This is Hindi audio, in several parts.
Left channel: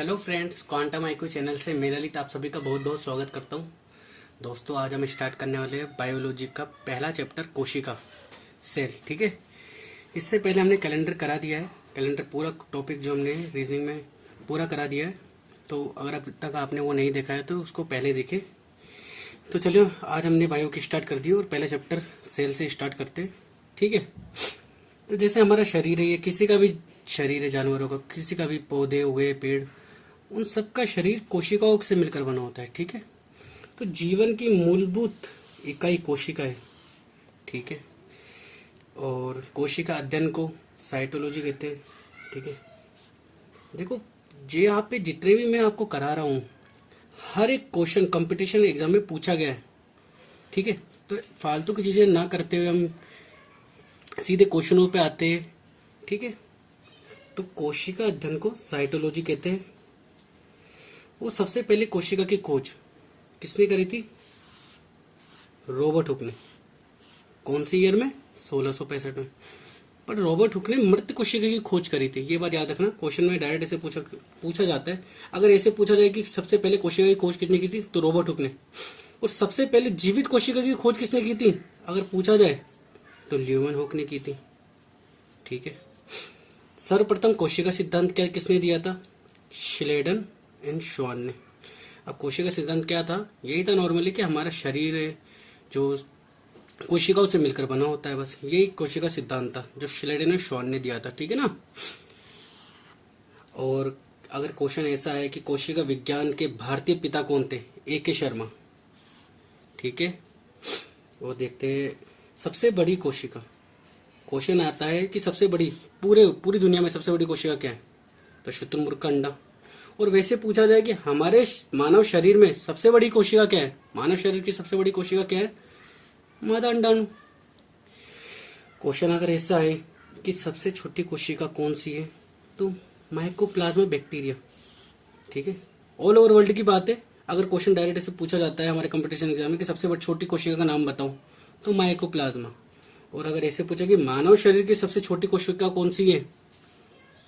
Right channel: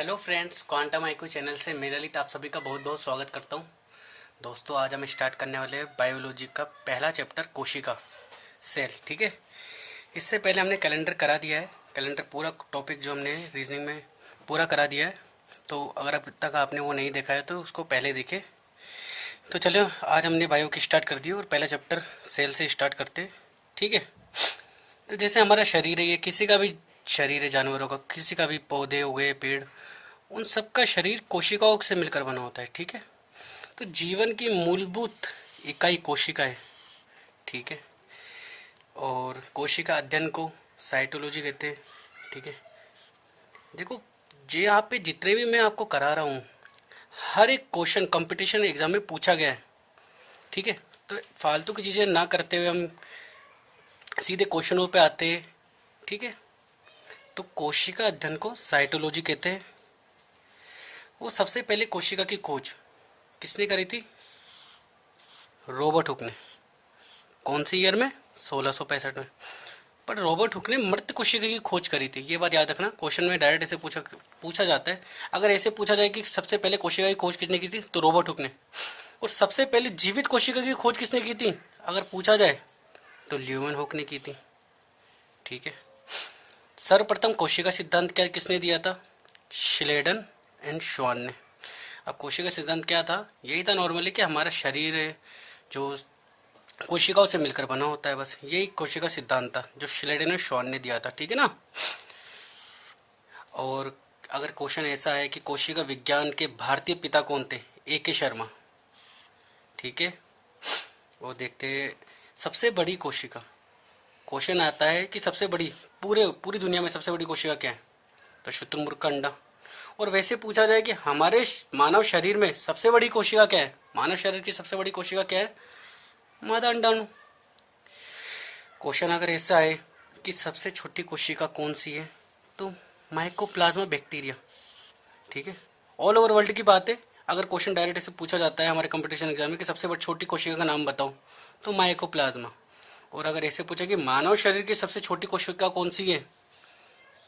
Hello friends, quantum IQ channel से मेरे लिए आप सभी का बहुत बहुत स्वागत करता हूं। दोस्तों, आज हम स्टार्ट करने वाले हैं बायोलॉजी का पहला चैप्टर कोशिका सेल। ठीक है, इससे पहले हमने कैलेंडर करा दिया है। कैलेंडर पूरा टॉपिक जो हमने रीजनिंग में पूरा करा दिया है, तो अगर अब तक आपने वो नहीं देखा है तो उसको पहले देखें। तो चलो, आज हमने बायो की स्टार्ट कर दी और पहला चैप्टर सेल से स्टार्ट करते हैं। ठीक है, तो जैसे हमारा शरीर है, ये किसी का भी शरीर है, जानवरों का, किसी का भी, पौधे हुए, पेड़, उन सब का शरीर कोशिकाओं से मिलकर बना होता है। ठीक है, तो जीवन की मूलभूत इकाई कोशिका है। ठीक है, और कोशिका अध्ययन को साइटोलॉजी कहते हैं। ठीक है, देखो, जे यहाँ पे जितने भी मैं आपको करा रहा हूँ, हर एक क्वेश्चन कंपटीशन एग्जाम में पूछा गया है। ठीक है, तो फालतू की चीज़ें ना करते हुए हम सीधे क्वेश्चनों पे आते हैं। ठीक है, तो कोशिका अध्ययन को साइटोलॉजी कहते हैं। वो सबसे पहले कोशिका की खोज किसने करी थी? रॉबर्ट हुक ने। कौन से ईयर में? 1665 में। पर रॉबर्ट हुक ने मृत कोशिका की खोज करी थी, ये बात याद रखना। क्वेश्चन में डायरेक्ट ऐसे पूछा जाता है। अगर ऐसे पूछा जाए कि सबसे पहले कोशिका की खोज किसने की थी, तो रॉबर्ट हुक ने। और सबसे पहले जीवित कोशिका की खोज किसने की थी, अगर पूछा जाए, तो ल्यूवन हुक ने की थी। ठीक है, सर्वप्रथम कोशिका सिद्धांत क्या किसने दिया था? श्लेडन एंड श्वान ने। अब कोशिका सिद्धांत क्या था? यही था नॉर्मली कि हमारा शरीर है जो कोशिकाओं से मिलकर बना होता है, बस यही कोशिका सिद्धांत था जो श्लेडन और श्वान ने दिया था। ठीक है ना। और अगर क्वेश्चन ऐसा है कि कोशिका विज्ञान के भारतीय पिता कौन थे? ए के शर्मा। ठीक है, वो देखते हैं सबसे बड़ी कोशिका। क्वेश्चन आता है कि सबसे बड़ी पूरी दुनिया में सबसे बड़ी कोशिका क्या है, तो शुतुरमुर्ग का अंडा। और वैसे पूछा जाए कि हमारे मानव शरीर में सबसे बड़ी कोशिका क्या है, मानव शरीर की सबसे बड़ी कोशिका क्या है? मादा अंडाणु। क्वेश्चन अगर ऐसा है कि सबसे छोटी कोशिका कौन सी है, तो माइकोप्लाज्मा बैक्टीरिया। ठीक है, ऑल ओवर वर्ल्ड की बात है। अगर क्वेश्चन डायरेक्ट ऐसे पूछा जाता है हमारे कंपटीशन एग्जाम में कि सबसे छोटी कोशिका का नाम बताओ, तो माइकोप्लाज्मा। और अगर ऐसे पूछे कि मानव शरीर की सबसे छोटी कोशिका कौन सी है,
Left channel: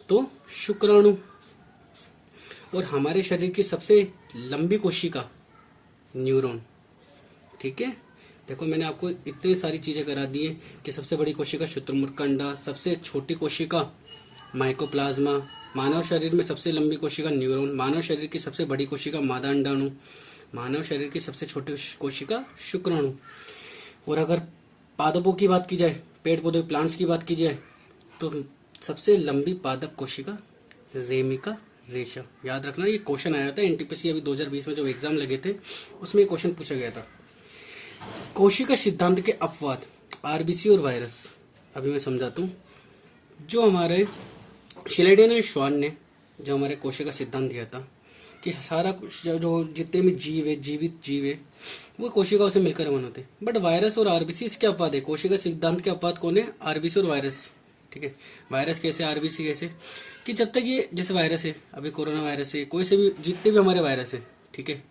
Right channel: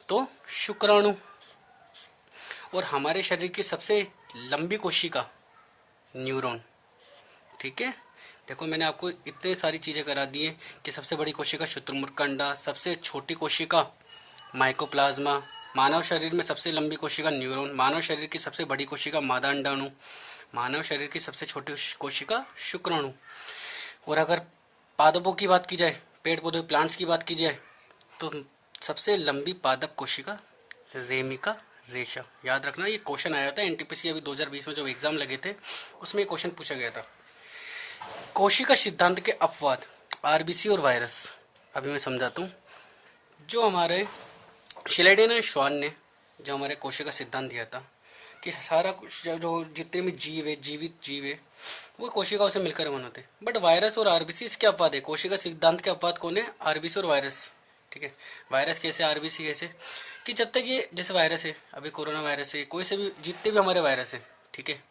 तो शुक्राणु। और हमारे शरीर की सबसे लंबी कोशिका न्यूरॉन। ठीक है, देखो मैंने आपको इतनी सारी चीज़ें करा दी है कि सबसे बड़ी कोशिका शुतुरमुर्ग का अंडा, सबसे छोटी कोशिका माइकोप्लाज्मा, मानव शरीर में सबसे लंबी कोशिका न्यूरॉन, मानव शरीर की सबसे बड़ी कोशिका मादा अंडाणु, मानव शरीर की सबसे छोटी कोशिका शुक्राणु। और अगर पादपों की बात की जाए, पेड़ पौधे प्लांट्स की बात की जाए, तो सबसे लंबी पादप कोशिका रेमिका रेशा। याद रखना, ये क्वेश्चन आया था एनटीपीसी अभी 2020 में जो एग्जाम लगे थे, उसमें क्वेश्चन पूछा गया था। कोशिका सिद्धांत के अपवाद, आरबीसी और वायरस। अभी मैं समझाता हूँ। जो हमारे श्लेडेन और श्वान ने जो हमारे कोशिका सिद्धांत दिया था कि सारा कुछ जो जितने भी जीव है, जीवित जीव है, वो कोशिकाओं से मिलकर बनाते हैं। बट वायरस और आरबीसी इसके अपवाद है। कोशिका सिद्धांत के अपवाद कौन है? आरबीसी और वायरस। ठीक है, वायरस कैसे, आरबीसी कैसे? कि जब तक ये जैसे वायरस है, अभी कोरोना वायरस है, कोई से भी जितने भी हमारे वायरस है, ठीक है,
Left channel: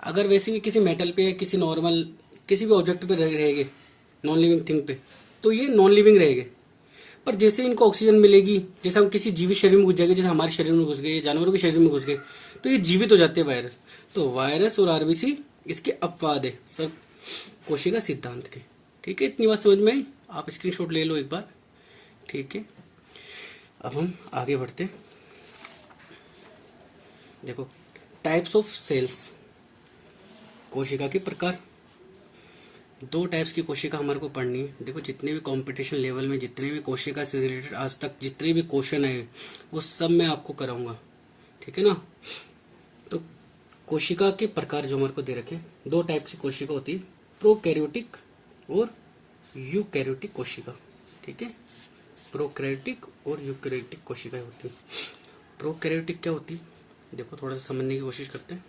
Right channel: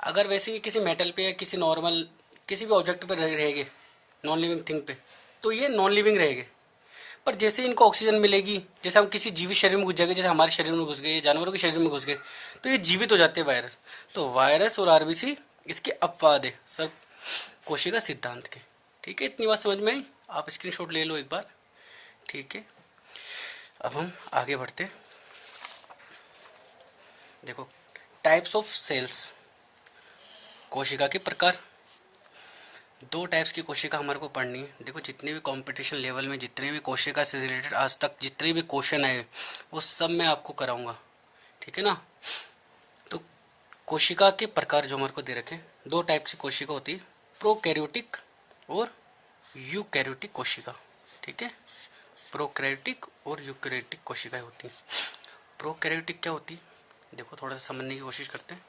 अगर वैसे किसी मेटल पे या किसी नॉर्मल किसी भी ऑब्जेक्ट पे रहेंगे, नॉन लिविंग थिंग पे, तो ये नॉन लिविंग रहेंगे। पर जैसे इनको ऑक्सीजन मिलेगी, जैसे हम किसी जीवित शरीर में घुस जाएंगे, जैसे हमारे शरीर में घुस गए, जानवरों के शरीर में घुस गए, तो ये जीवित हो जाते हैं वायरस। तो वायरस और आरबीसी इसके अपवाद है सब कोशिका सिद्धांत के। ठीक है, इतनी बात समझ में आई? आप स्क्रीनशॉट ले लो एक बार। ठीक है, अब हम आगे बढ़ते। देखो, टाइप्स ऑफ सेल्स, कोशिका के प्रकार। दो टाइप्स की कोशिका हमारे को पढ़नी है। देखो, जितने भी कंपटीशन लेवल में जितने भी कोशिका से रिलेटेड आज तक जितने भी क्वेश्चन आए, वो सब मैं आपको कराऊंगा। ठीक है ना। तो कोशिका के प्रकार जो हमारे को दे रखे, दो टाइप की कोशिका होती है, प्रोकैरियोटिक और यूकैरियोटिक कोशिका। ठीक है, प्रोकैरियोटिक और यूकैरियोटिक कोशिकाएं होती हैं। प्रोकैरियोटिक क्या होती है, देखो थोड़ा सा समझने की कोशिश करते हैं।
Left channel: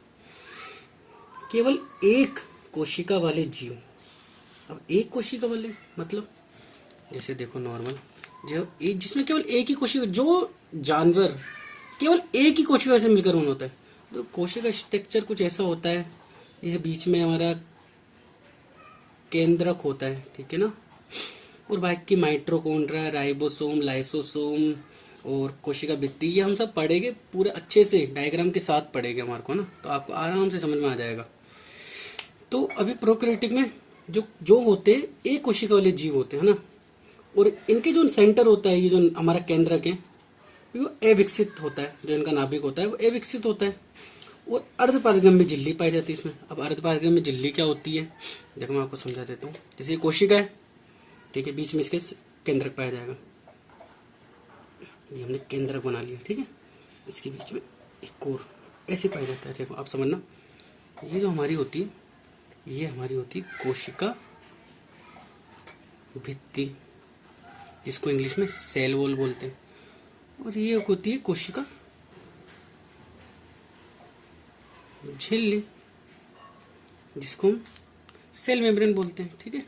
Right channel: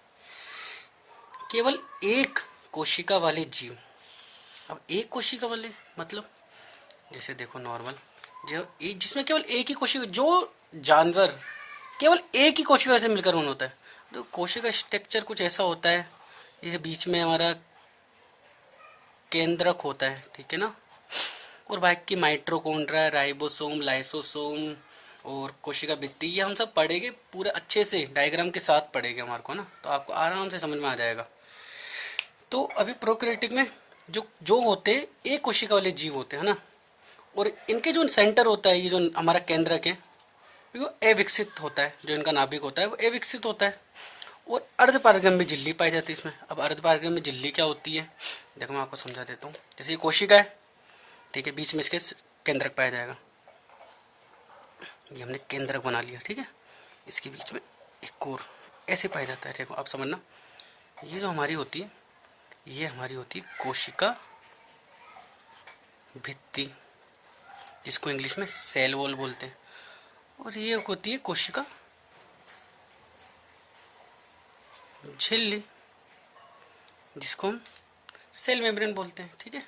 केवल एक कोशिका वाले जीव। अब एक कोशिका वाले मतलब, जैसे देखो नॉर्मल जो एक, जिसमें केवल एक ही कोशिका, जो जानवर केवल एक ही कोशिका से मिलकर बना होता है। तो कोशिका स्ट्रक्चर कुछ ऐसा होता है, ये बीच में हमारा केंद्रक होता है। ठीक है ना। और बाकी की माइटोकॉन्ड्रिया, राइबोसोम, लाइसोसोम, और कोशिका भित्ति, ये हम सब पढ़ेंगे पूरे अच्छे से डायग्राम के साथ पढ़ेंगे हमारे को ना, तो आपको आराम से समझ में आ जाएगा। तो अभी प्रोकैरियोटिक में जो जो होते एक कोशिका वाले जीव होते हैं ना, और इनके जो सेंटर होता है, ये जो हमारा केंद्रक है, वो अविकसित होता है। जो इनका नाभिक होता है वो अविकसित होता है। और अर्धपारगम्य झिल्ली पाई जाती है इसमें। अब अर्धपारगम्य झिल्ली क्या होती है, देखो मैं आपको समझा देता हूँ। जैसे ये कोशिका है, ठीक है, बीच में इसके केंद्रक पाया जाएगा। ये हमने केंद्रक बना लिया, ठीक है। इसके बीच में एक और ऐसे पाया जाता है। देखो आप समझना, ये जो हमारी होती है, ये हमारी होती है कोशिका भित्ति, जिसको इंग्लिश में सेल वॉल बोलते हैं। और ये होती है कोशिका झिल्ली, जिसको हम सेल मेम्ब्रेन बोलते हैं, ठीक है।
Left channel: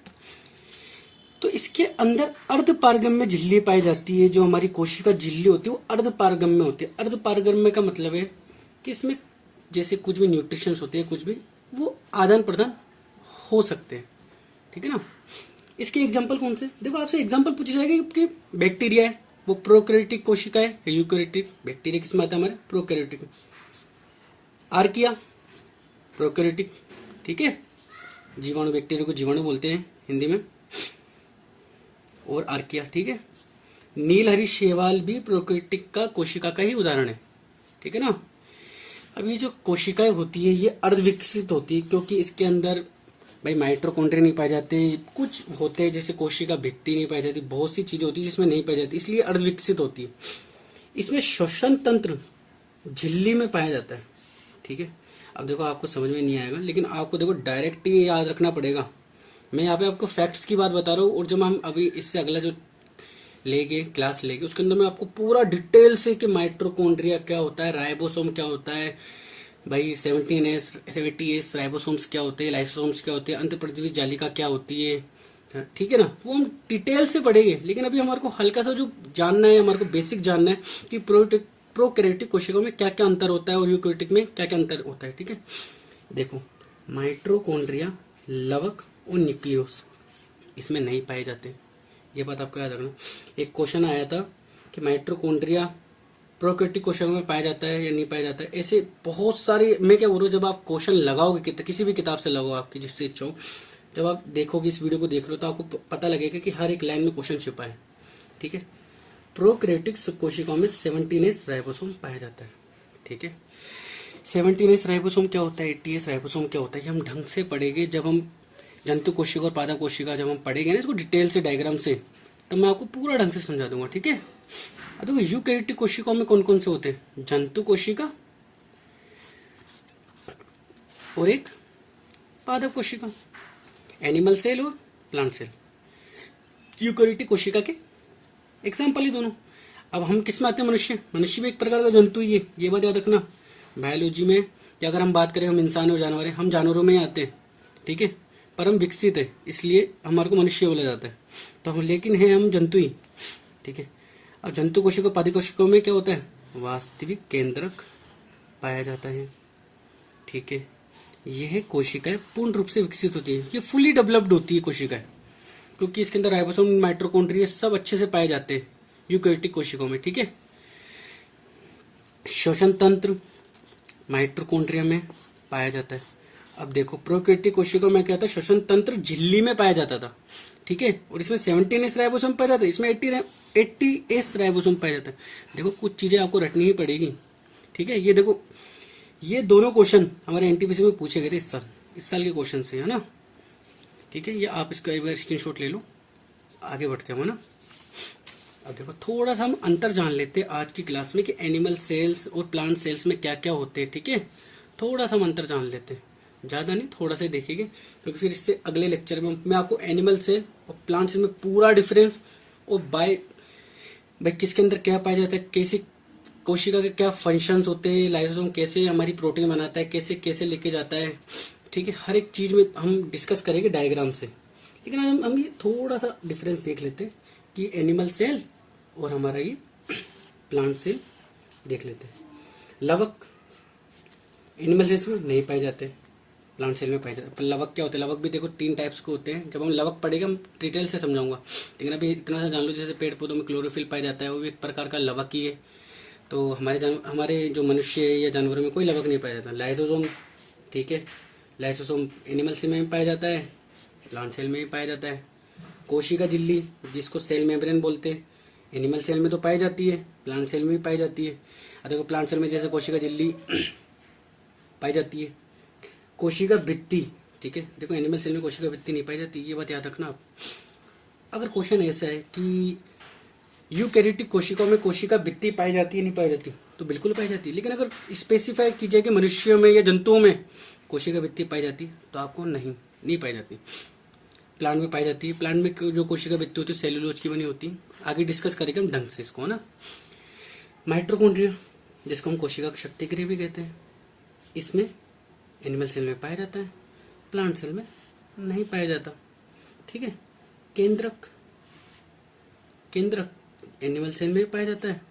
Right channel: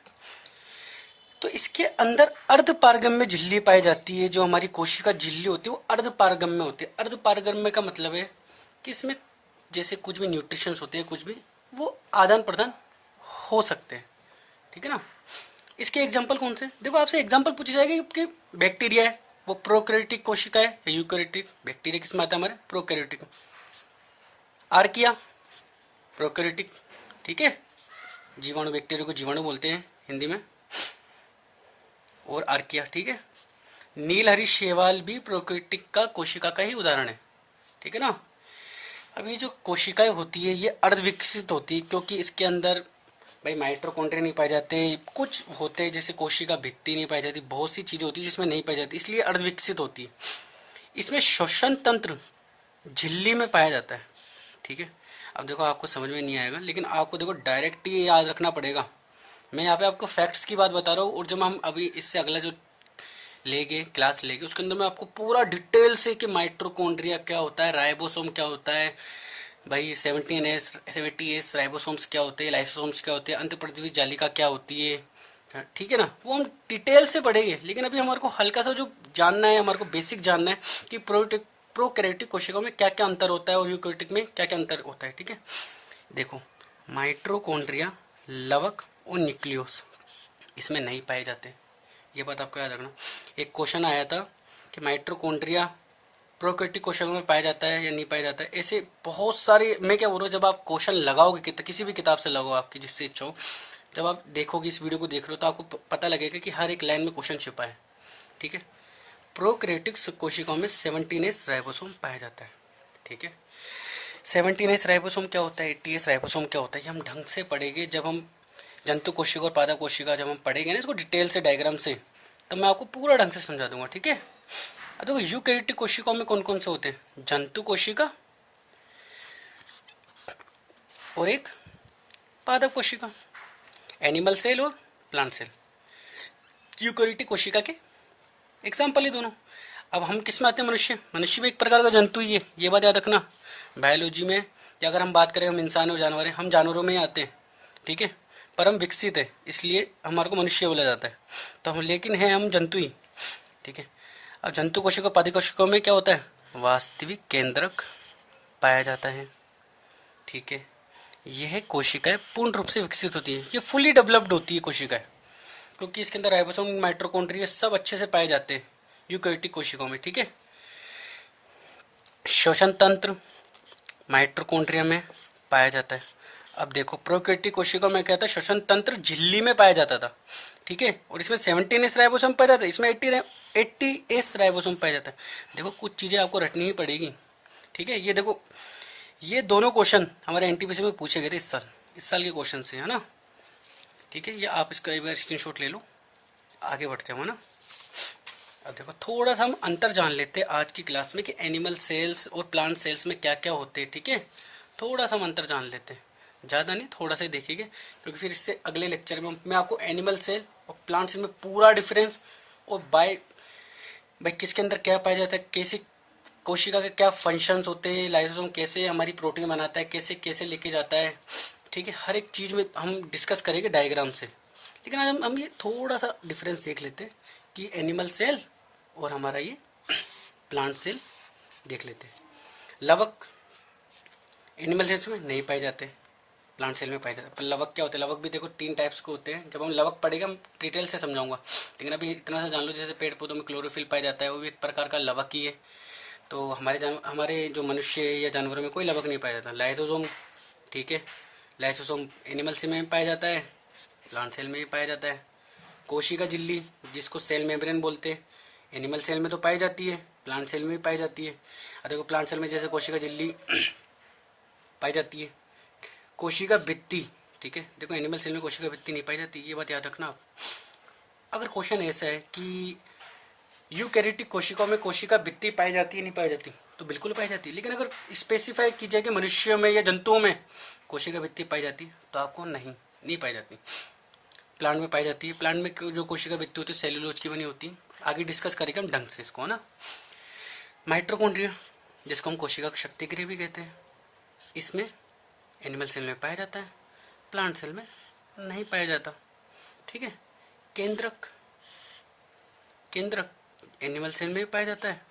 तो इसके अंदर अर्धपारगम्य झिल्ली पाई जाती है। जो हमारी कोशिका झिल्ली होती है वो अर्धपारगम्य होती है। अर्धपारगम्य का मतलब है कि इसमें जैसे कुछ भी न्यूट्रिशंस होते हैं, कुछ भी वो आदान प्रदान हो सकते हैं, ठीक है ना। इसके एग्जाम्पल कौन से, देखो आपसे एग्जाम्पल पूछी जाएगी कि बैक्टीरिया है वो प्रोकैरियोटिक कोशिका है या यूकैरियोटिक। बैक्टीरिया किस में आता है, हमारे प्रोकैरियोटिक। आर्किया प्रोकैरियोटिक, ठीक है। जीवाणु, बैक्टीरिया को जीवाणु बोलते हैं हिंदी में, और आर्किया, ठीक है। नीलहरी शैवाल भी प्रोकैरियोटिक का कोशिका का ही उदाहरण है, ठीक है ना। अब ये जो कोशिकाएं होती है ये अर्धविकसित होती है, क्योंकि इसके अंदर भाई माइटोकॉन्ड्रिया नहीं पाए जाते, कुछ होते हैं जैसे कोशिका भित्ति नहीं पाई जाती, बहुत सी चीजें होती है जिसमें नहीं पाई जाती, इसलिए अर्धविकसित होती है। इसमें श्वसन तंत्र झिल्ली में पाया जाता है, ठीक है। अब देखो आपको समझ में नहीं आएगा, लेकिन आपको देखो डायरेक्ट ही याद रखना पड़ेगा। मैं यहाँ पे आपको फैक्ट्स की बात बता रहा हूँ, और जब हम अभी इससे अगला जो लेंगे क्लास लेंगे उसके अंदर मैं आपको पूरा डिटेल से कि माइटोकॉन्ड्रिया क्या होता है, राइबोसोम क्या होता है, भाई 17S 70S राइबोसोम्स क्या होते हैं, लाइसोसोम्स क्या होते हैं, अंतःप्रद्रवी जालिका क्या होती है, ठीक है ना। वो हम डिटेल से पढ़ेंगे, लेकिन अभी हमारे को हल्का सा जो जानना है, हमारे को बेसिक जानना है कि प्रोकैरियोटिक कोशिकाओं में क्या क्या अंतर होता है और यूकैरियोटिक में क्या क्या अंतर होता है, ठीक है। देखो माइटोकॉन्ड्रिया, लवक और न्यूक्लियस इसमें नहीं पाए जाते, ये बात आपको याद रखना। एक क्वेश्चन आया था कि माइटोकॉन्ड्रिया प्रोकैरियोटिक कोशिकाओं में पाया जाता है या नहीं पाया जाता है। ऐसे बहुत सारे, मैं क्या बोल रहा हूँ, जब आप क्वेश्चन लगाओगे किसी भी किताब से लगाओ आपकी जिससे इच्छा हो, जब आप देखोगे इस वीडियो को देख रहे हो तो आपको पता लगेगा कि हर एक लाइन में क्वेश्चन छिपा है, ठीक है। प्रोकैरियोटिक कोशिकाओं में 17S राइबोसोम पाया जाता है, ठीक है। 17S राइबोसोम क्या होता है, 80S राइबोसोम क्या होता है, ये हम ढंग से पढ़ेंगे जब हम जंतु कोशिका और पादप कोशिका जब हम पढ़ेंगे ना इसको डिटेल से डायग्राम से, तब मैं आपको पूरा ढंग से समझा दूंगा, ठीक है। अब देखो यूकैरियोटिक कोशिकाओं में कौन कौन से होते हैं, जंतु कोशिका और एक पादप कोशिका, एनिमल सेल और प्लांट सेल। यूकैरियोटिक कोशिका के एग्जाम्पल ही दोनों। अब हम किस में आते हैं, मनुष्य। मनुष्य भी एक प्रकार का जंतु ही है, ये बात याद रखना। बायोलॉजी में या अगर हम बात करें, हम इंसान और जानवर हैं, हम जानवरों में ही आते हैं, ठीक है। पर हम विकसित है इसलिए हमारे को मनुष्य बोला जाता है, तो हम लेकिन हैं हम जंतु ही, ठीक है। अब जंतु कोशिका पादप कोशिकाओं में क्या होता है, वास्तविक केंद्रक पाया जाता है, ठीक है। यह कोशिकाएं पूर्ण रूप से विकसित होती है, ये फुली डेवलप्ड होती है कोशिकाएं, क्योंकि इसके अंदर राइबोसोम, माइटोकॉन्ड्रिया सब अच्छे से पाए जाते हैं यूकैरियोटिक कोशिकाओं में, ठीक है। श्वसन तंत्र माइटोकॉन्ड्रिया में पाया जाता है। अब देखो प्रोकैरियोटिक कोशिकाओं में क्या था, श्वसन तंत्र झिल्ली में पाया जाता था, ठीक है। और इसमें 17S राइबोसोम पाया जाता है, इसमें 80S राइबोसोम पाया जाता है। देखो कुछ चीजें आपको रटनी ही पड़ेगी, ठीक है। ये देखो ये दोनों क्वेश्चन हमारे एनटीपीसी में पूछे गए थे इस साल के क्वेश्चन से, है ना, ठीक है। ये आप इसका एक बार स्क्रीनशॉट ले लो, आगे बढ़ते हैं ना। अब देखो थोड़ा सा हम अंतर जान लेते हैं आज की क्लास में कि एनिमल सेल्स और प्लांट सेल्स में क्या क्या होते हैं, ठीक है। थोड़ा सा हम अंतर जान लेते हैं, ज़्यादा नहीं, थोड़ा सा देखेंगे, क्योंकि फिर इससे अगले लेक्चर में मैं आपको एनिमल सेल और प्लांट सेल में पूरा डिफरेंस और भाई किसके अंदर क्या पाया जाता है, कैसे कोशिका के क्या फंक्शंस होते हैं, लाइसोसोम कैसे हमारी प्रोटीन बनाता है, कैसे कैसे लेके जाता है, ठीक है। हर एक चीज़ में हम डिस्कस करेंगे डायग्राम से, लेकिन हम ये थोड़ा सा डिफरेंस देख लेते हैं कि एनिमल सेल और हमारा ये प्लांट सेल देख लेते हैं। लवक एनिमल सेल्स में नहीं पाए जाते, प्लांट सेल में पाए जाते हैं। लवक क्या होते हैं? लवक भी देखो 3 टाइप्स के होते हैं। जब हम लवक पढ़ेगा हम डिटेल से समझाऊंगा, लेकिन अभी इतना सा जान लो, जैसे पेड़ पौधों में क्लोरोफिल पाया जाता है, वो भी एक प्रकार का लवक ही है। तो हमारे जो मनुष्य या जानवरों में कोई लवक नहीं पाया जाता। लाइसोसोम, ठीक है, लाइसोसोम एनिमल सेल में पाया जाता है, प्लांट सेल में भी पाया जाता है। कोशिका झिल्ली जिसको सेल मेम्ब्रेन बोलते हैं, एनिमल सेल में तो पाई जाती है, प्लांट सेल में भी पाई जाती है। देखो प्लांट सेल में जैसे कोशिका झिल्ली पाई जाती है। कोशिका भित्ति, ठीक है, देखो एनिमल सेल में कोशिका भित्ति नहीं पाई जाती, ये बात याद रखना आप। अगर क्वेश्चन ऐसा है कि यूकैरियोटिक कोशिकाओं में कोशिका भित्ति पाई जाती है नहीं पाई जाती, तो बिल्कुल पाई जाती है। लेकिन अगर स्पेसिफाई की जाए कि मनुष्यों में या जंतुओं में कोशिका भित्ति पाई जाती, तो आपको नहीं पाई जाती। प्लांट में पाई जाती है। प्लांट में जो कोशिका भित्ति होती है सेल्यूलोज की बनी होती है। आगे डिस्कस करेंगे हम ढंग से इसको, है ना। माइटोकॉन्ड्रिया जिसको हम कोशिका की शक्ति गृह भी कहते हैं, इसमें एनिमल सेल में पाया जाता है, प्लांट सेल में नहीं पाया जाता, ठीक है। केंद्रक एनिमल सेल में भी पाया जाता है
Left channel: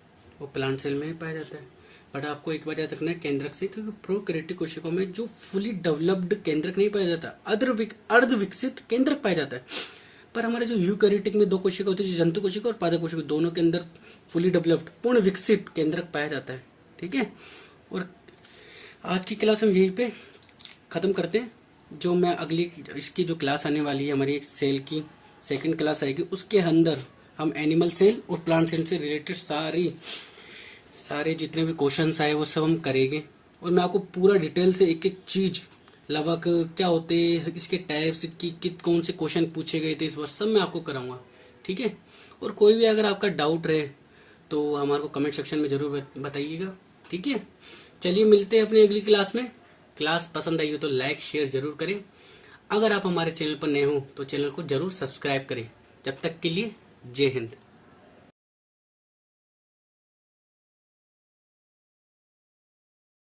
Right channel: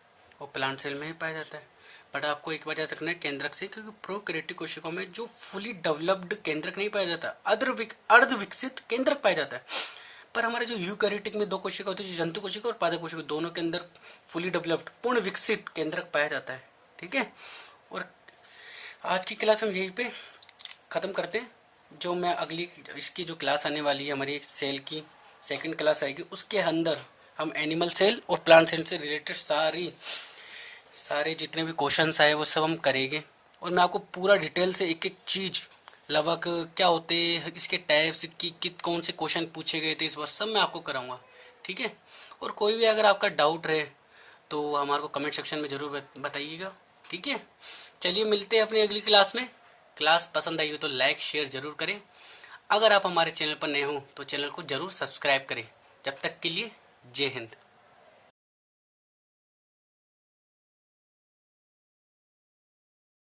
और प्लांट सेल में भी पाया जाता है। बट आपको एक बार याद रखना है केंद्रक से, क्योंकि प्रोकैरियोटिक कोशिकाओं में जो फुली डेवलप्ड केंद्रक नहीं पाया जाता, अर्ध विकसित केंद्रक पाया जाता है। पर हमारे जो यूकैरियोटिक में 2 कोशिका होती है, जंतु कोशिका और पादप कोशिका, दोनों के अंदर फुली डेवलप्ड पूर्ण विकसित केंद्रक पाया जाता है, ठीक है। और आज की क्लास हम यहीं पे ख़त्म करते हैं। जो मैं अगली इसकी जो क्लास आने वाली है हमारी सेल की सेकंड क्लास आएगी, उसके अंदर हम एनिमल सेल और प्लांट सेल से रिलेटेड सारे जितने भी क्वेश्चंस आए वो सब हम करेंगे। और मैं आपको पूरा डिटेल से एक एक चीज़, लवक क्या होते हैं, इसके टाइप्स की कौन से क्वेश्चन पूछे गए थे इस बार, सब मैं आपको कराऊंगा, ठीक है। और कोई भी अगर आपका डाउट रहे तो हमारे को कमेंट सेक्शन में ज़रूर बताइएगा, ठीक है। चलिए मिलते हैं अपनी अगली क्लास में। क्लास पसंद आई हो तो लाइक शेयर ज़रूर करें। अगर आप हमारे चैनल पर नए हो तो चैनल को ज़रूर सब्सक्राइब करें। जब तक के लिए जय हिंद।